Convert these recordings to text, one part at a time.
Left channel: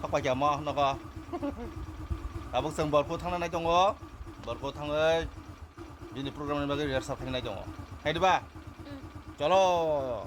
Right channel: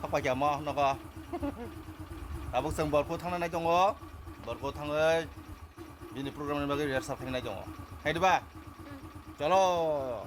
석박이 뭐 너가 나복성 벌고 탕나나이 정어 벌고 탕을 미니 프로그램을 막을 리허설 하나이 정어 해도 봐 चलो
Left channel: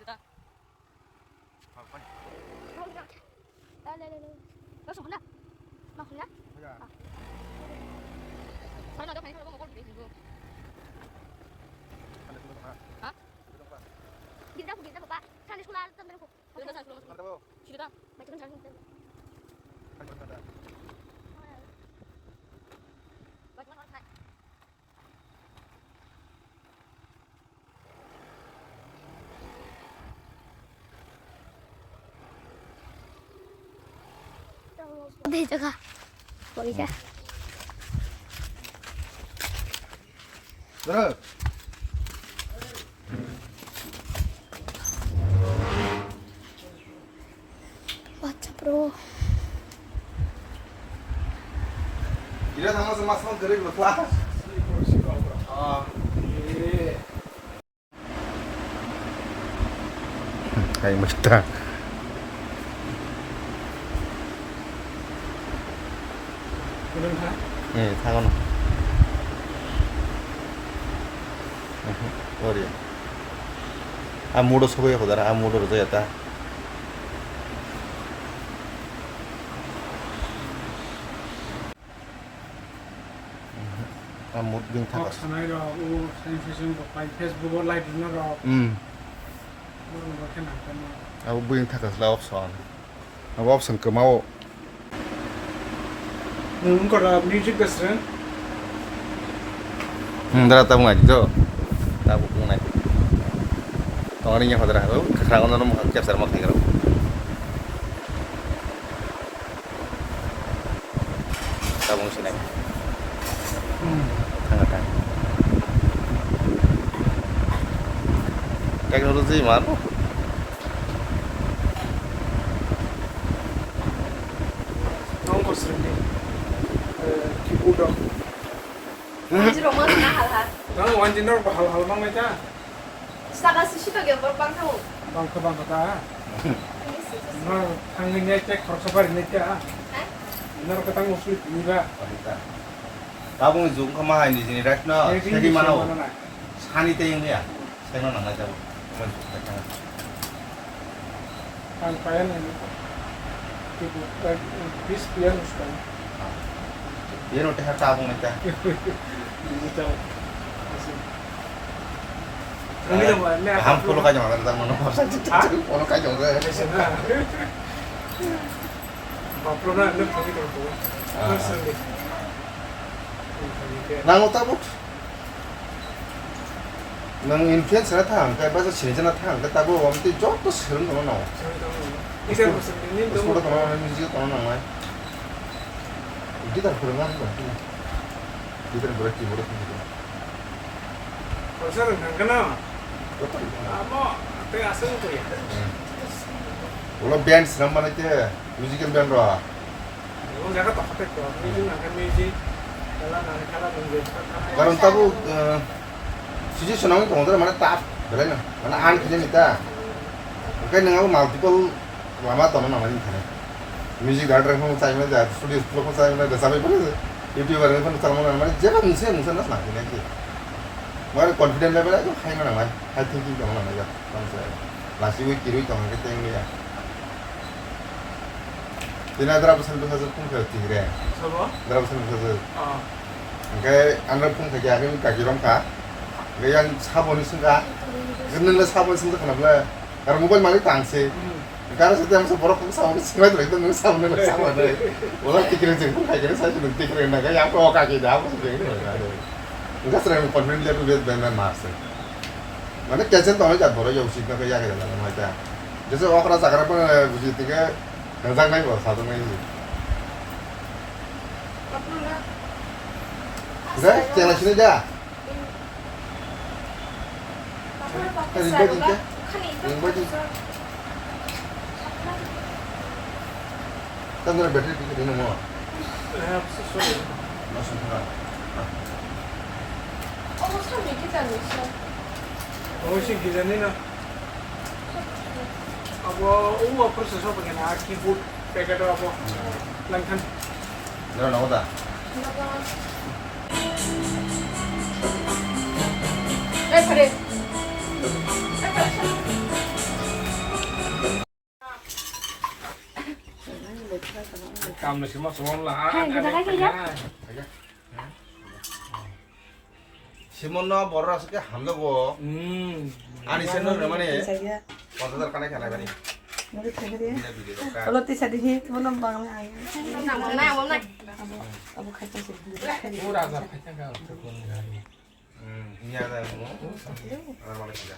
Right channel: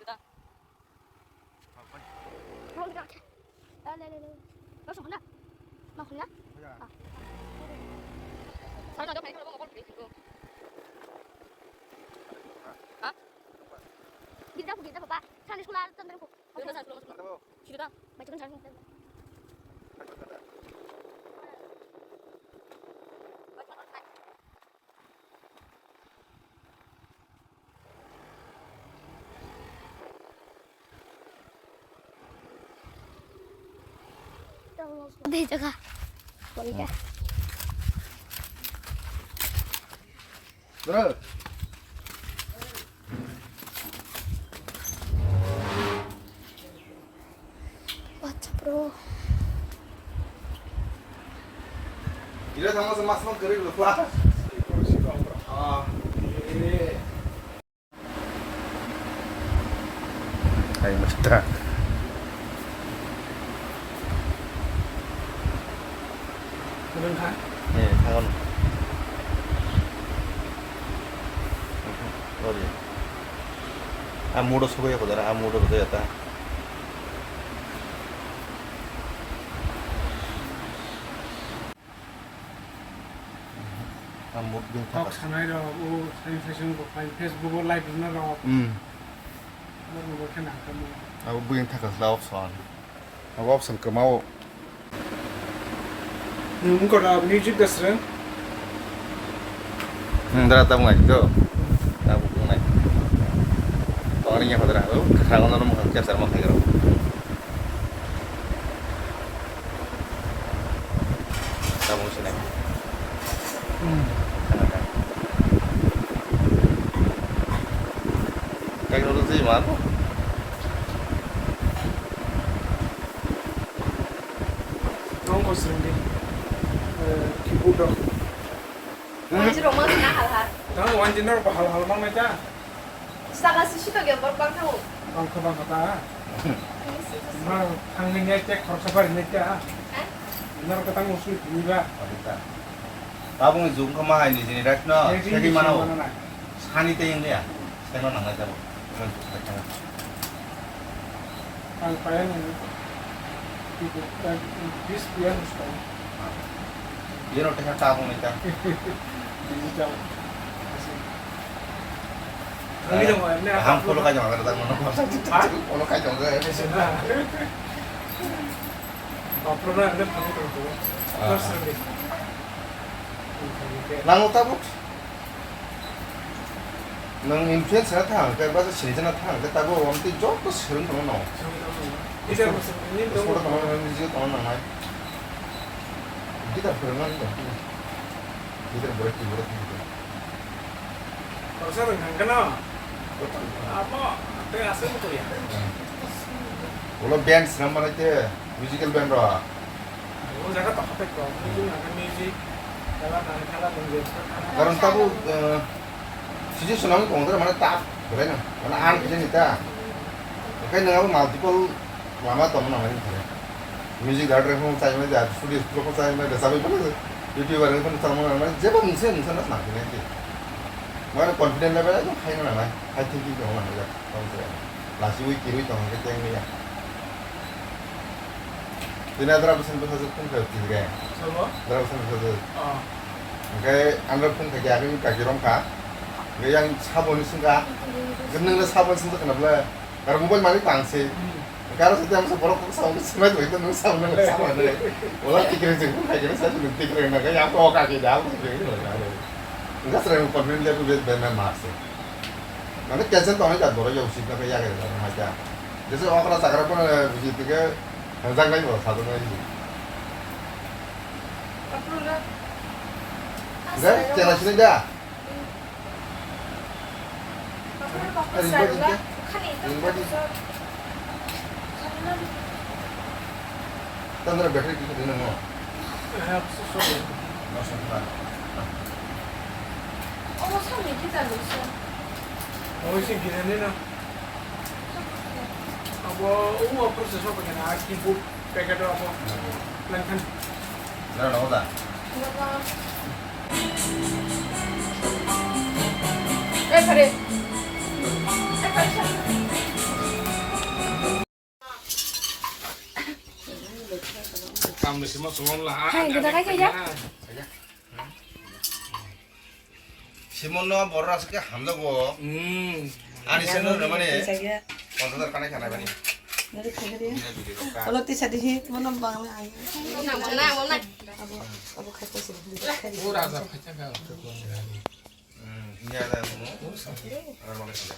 Kita. Langsung mana? Maksudnya? Saya nggak ada main kalau nggak boleh. Hah? Kita Pak. Kan di sekolah temen aku. Kita macam macam. Đây cho cả. Vậy cả. 그래 What's bro? 이래 당해서 막상 그래 그렇다 아이 멋있다 응, 당은 어디? 아무로 소고에 보다라 아무로 그저였다. 아무 빙타. Talk sama iro, saya Facebook pakai Facebook live dulu ro, mau kena kamu. 아무 빙타가 라옵선. 아무 없선 그마오. Mungkin kalau music dasar, 나라 따봉 아니죠? 나도 그건 아니. 당연히 하더라고. 상관은 뭐 한테 살만 하기로. 따봉 쓰네. teknologi mana? Nong kau sering deh, keyboard. Jadi rumah sana hal-hal. Nong wanjiner hal-hal bang mereka, Saka sesuatu yang berbangku. bang kata. Nong anginnya cek korsobar mereka. Nong kata musuh juga. 따봉이 좋은 것만 하니 이제 렉너 세리만 하고 산이 떼인데야 생각 안 나자고 Kayak ini, itu bis pian ustaz. 얘는 어떻게 할까 하고 있다 Ini tahu. Ini dong, ini apa? 한 프로까지 와가지고 딱 넣어놓고 오늘까지 온 거예요 Uploadnya ada pakai itu. Terus sering. 난 못하고 넌 인터넷에 타면 그 맞아 실전에 타면 그다고 아무튼 조금 싫은 거 넣어 Bisa masuk ini dong. 소리 나는 이제 또 나와 kita bermain kok kita berarti Kalau saya nggak kenal. Apa? Apa asing tuh ya? 원래 밴드 쓰는 말 할때 뮤지컬 밴드로 Oh, saya tak pakai kok. Ini nggak music. Kalau nunggu. 그럼 따고 주제 순항이 공들어 mana 딱 그래요 mana 안 그러니까 그러니까 내가 마음도 마마 때문에 나와야 돼 뮤직 다이렉터 형 타임에 다 스튜디오 프로포 타임에 다 사배 보내서 유튜브에 한 사람은 말 제가 무슨 나타나지 Mana confident level aja high mana mai high thinking dong mana ya konsep nasi wik kiri dong kita yang ya tina berapa sen tuh hasil pun ke tiga Sama? berapa sen hasil Ah. Oke anda pun kerja kan kaki rompa yang sabun sunga geneng ke sabun sunga kenapa karena mobile mali tangsi karena setiap masa borok tuh sabun sunga tuh itu nggak sabun nggak sabun deh olah tiga jengkol kayak saya cuma tiga naga yang kau kaki jauh sebenarnya enggak sering confident dia tuh biar benar masuk mana kiasan tuh aja baru ya usia kayak ya gitu macam jadi orang rasa karena pun begitu ke nangzang lagi loh satu lagi udah cewek sini aja kan udah bateri kita di mana Sesuatu. Oh, sih kita nih nah. Apa proses apa kan? Keyboard, pakai apa? Langkan. Jangan nama dah kare. Kamu sih mas lah. Hai, kita aja ya. 시몬너 뭐라 하실게 함다고 아니 세는 얼마네 Saya 원서들 까나 가나 가니 nggak ada. Kalau tidak di sini mau nambang lagi. Abu kata sih. Rasa kacang kau tuh kali. ini ada 뭐 얼마나 진짜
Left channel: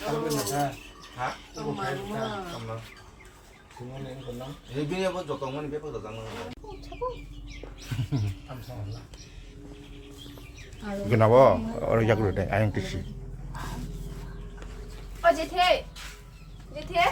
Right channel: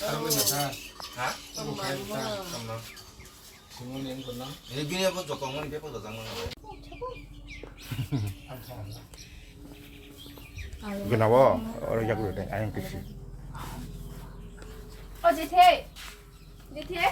Kalau benar, 하? 잠깐만 semua yang kenal. 예빈이 뭐 조금만 배포 더 장만 Alhamdulillah. kenapa orang jago deh ayam kecil 제태. 제태.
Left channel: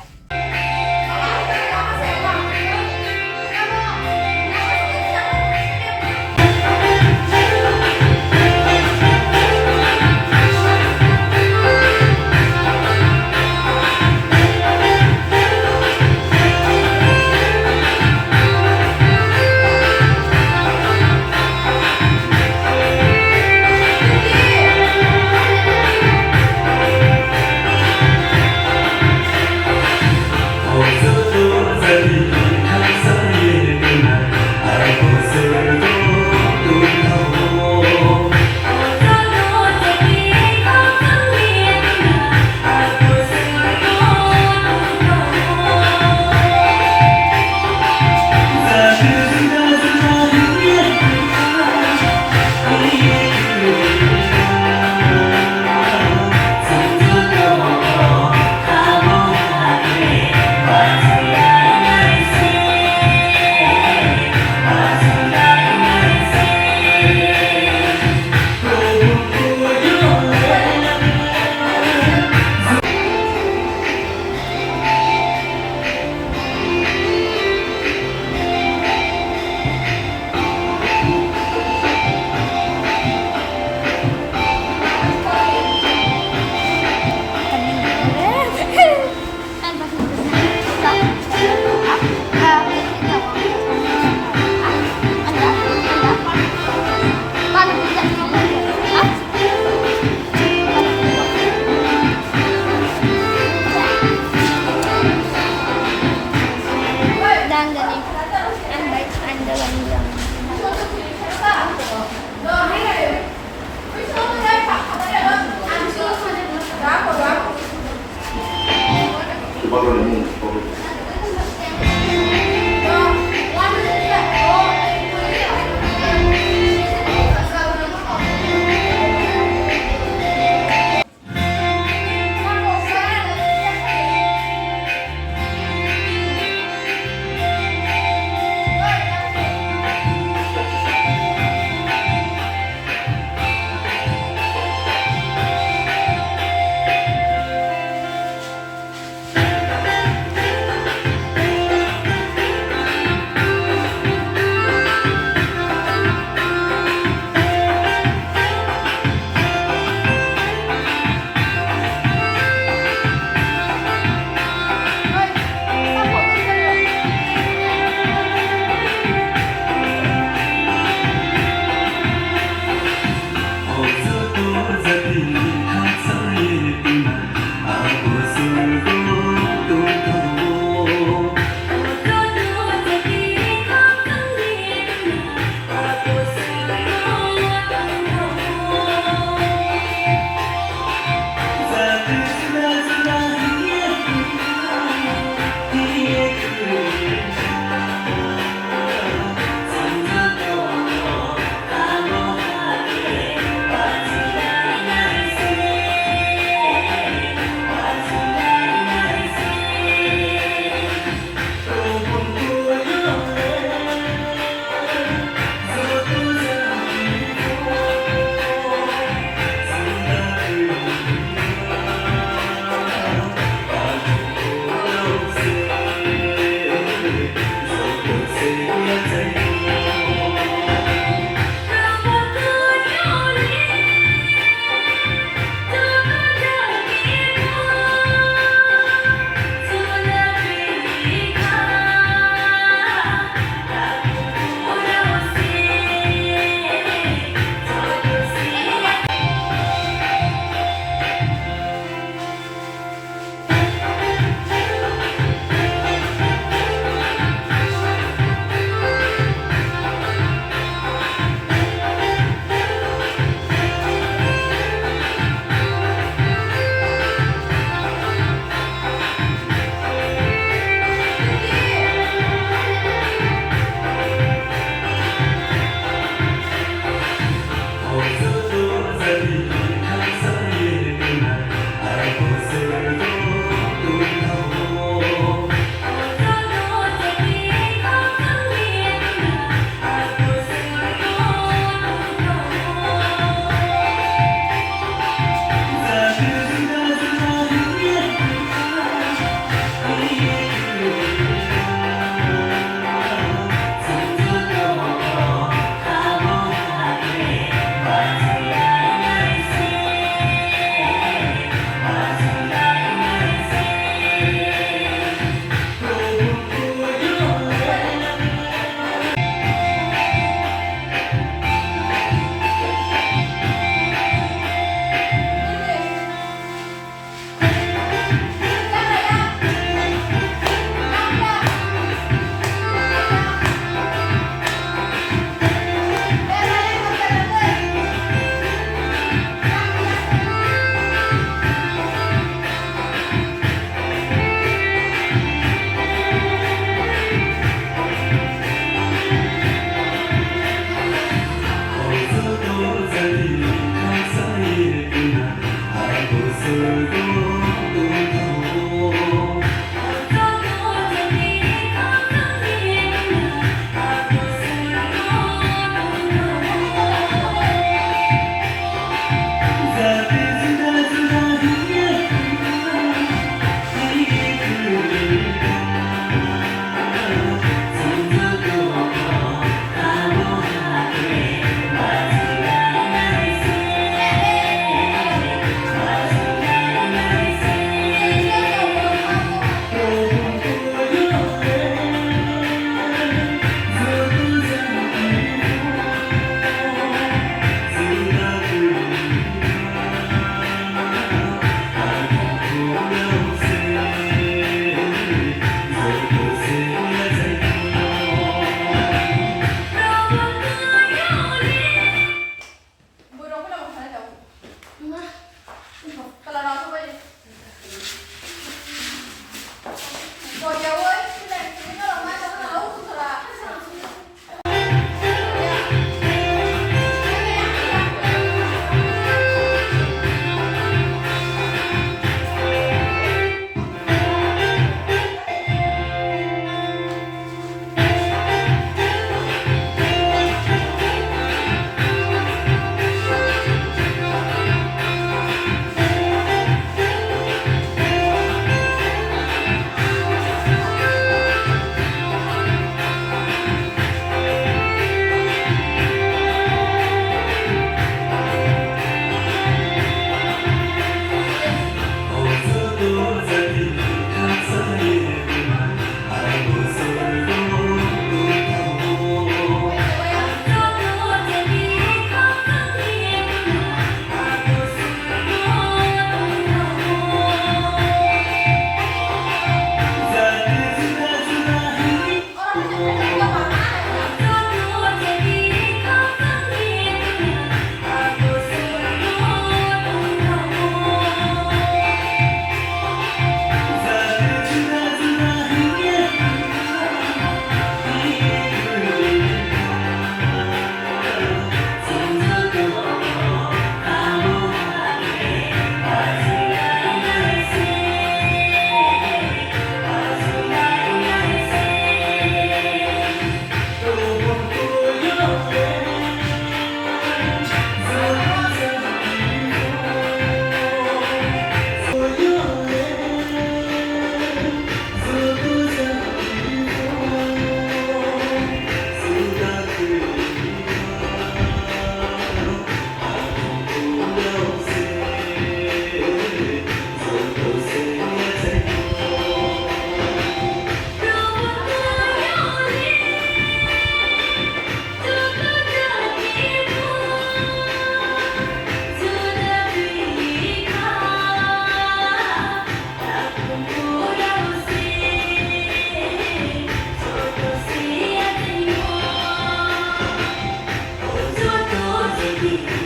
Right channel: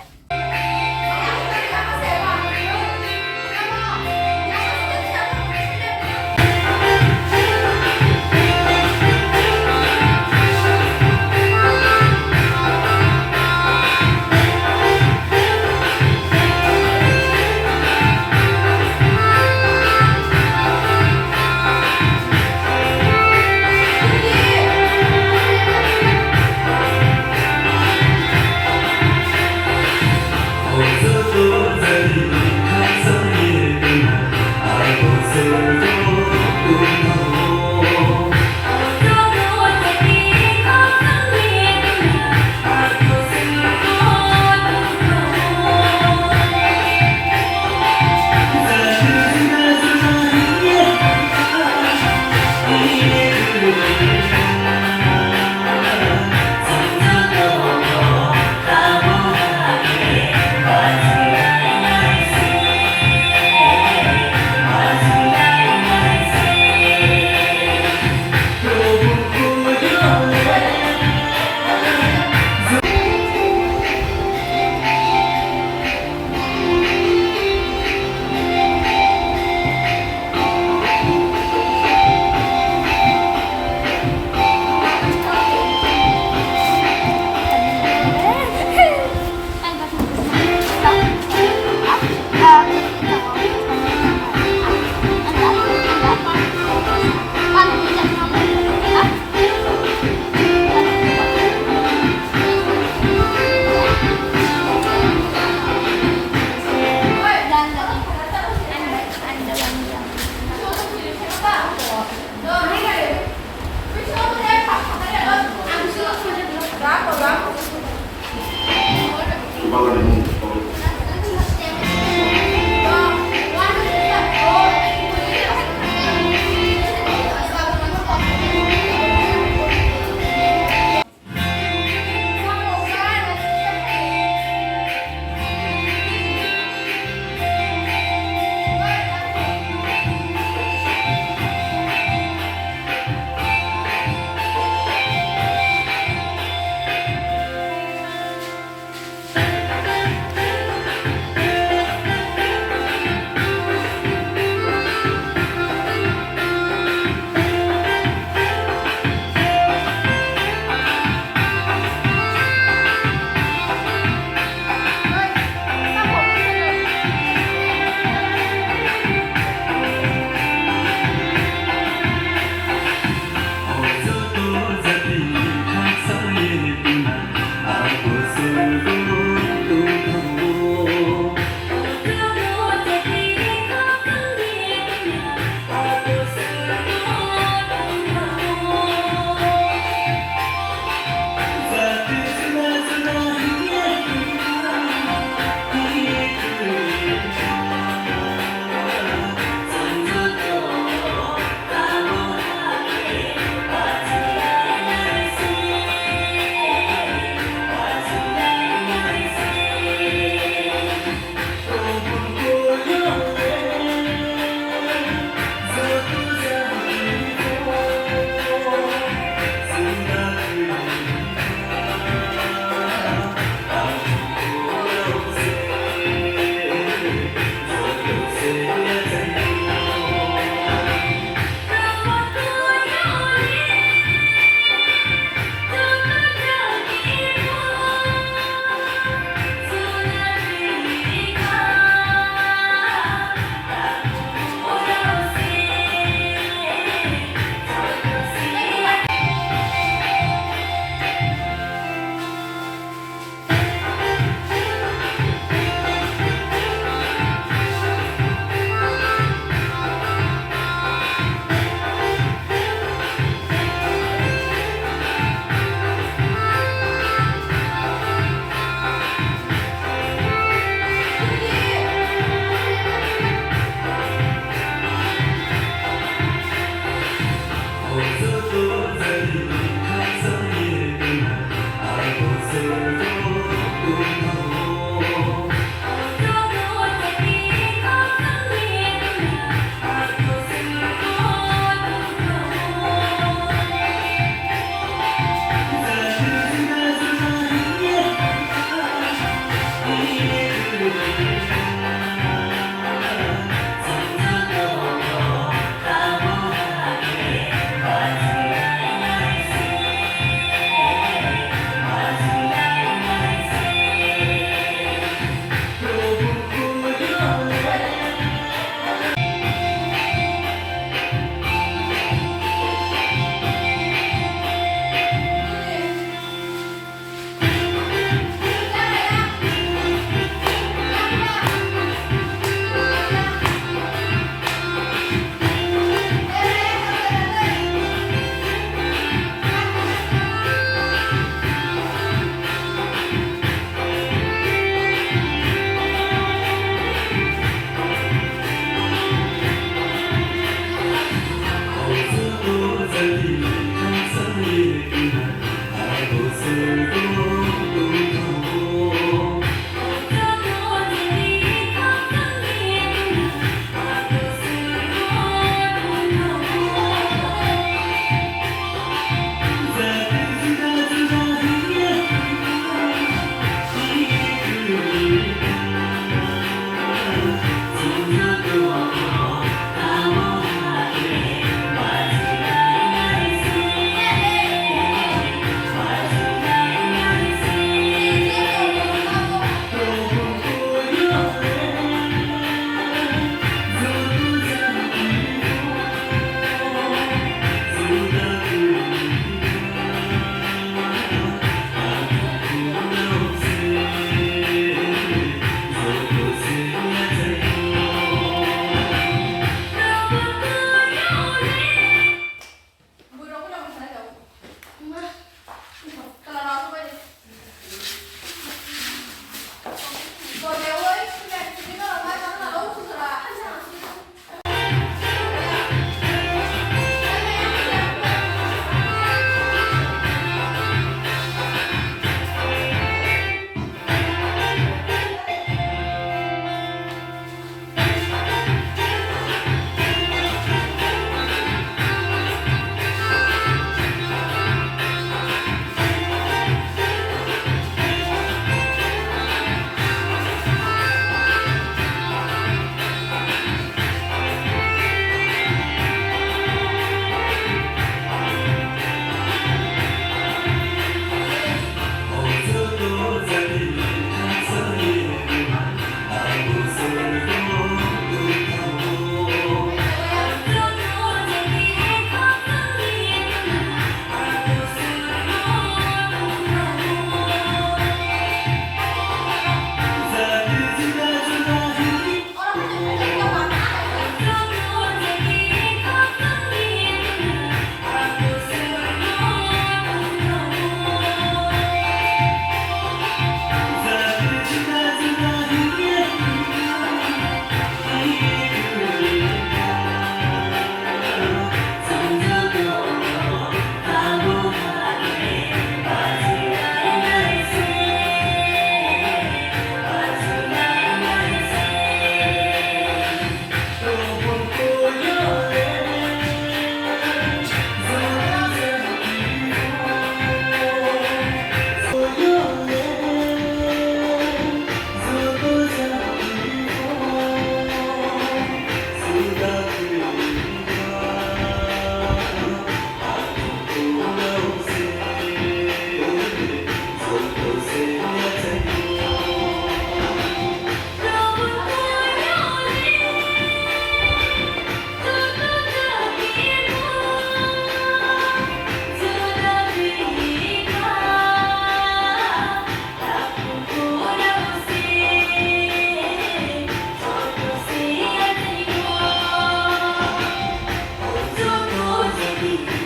Thank you.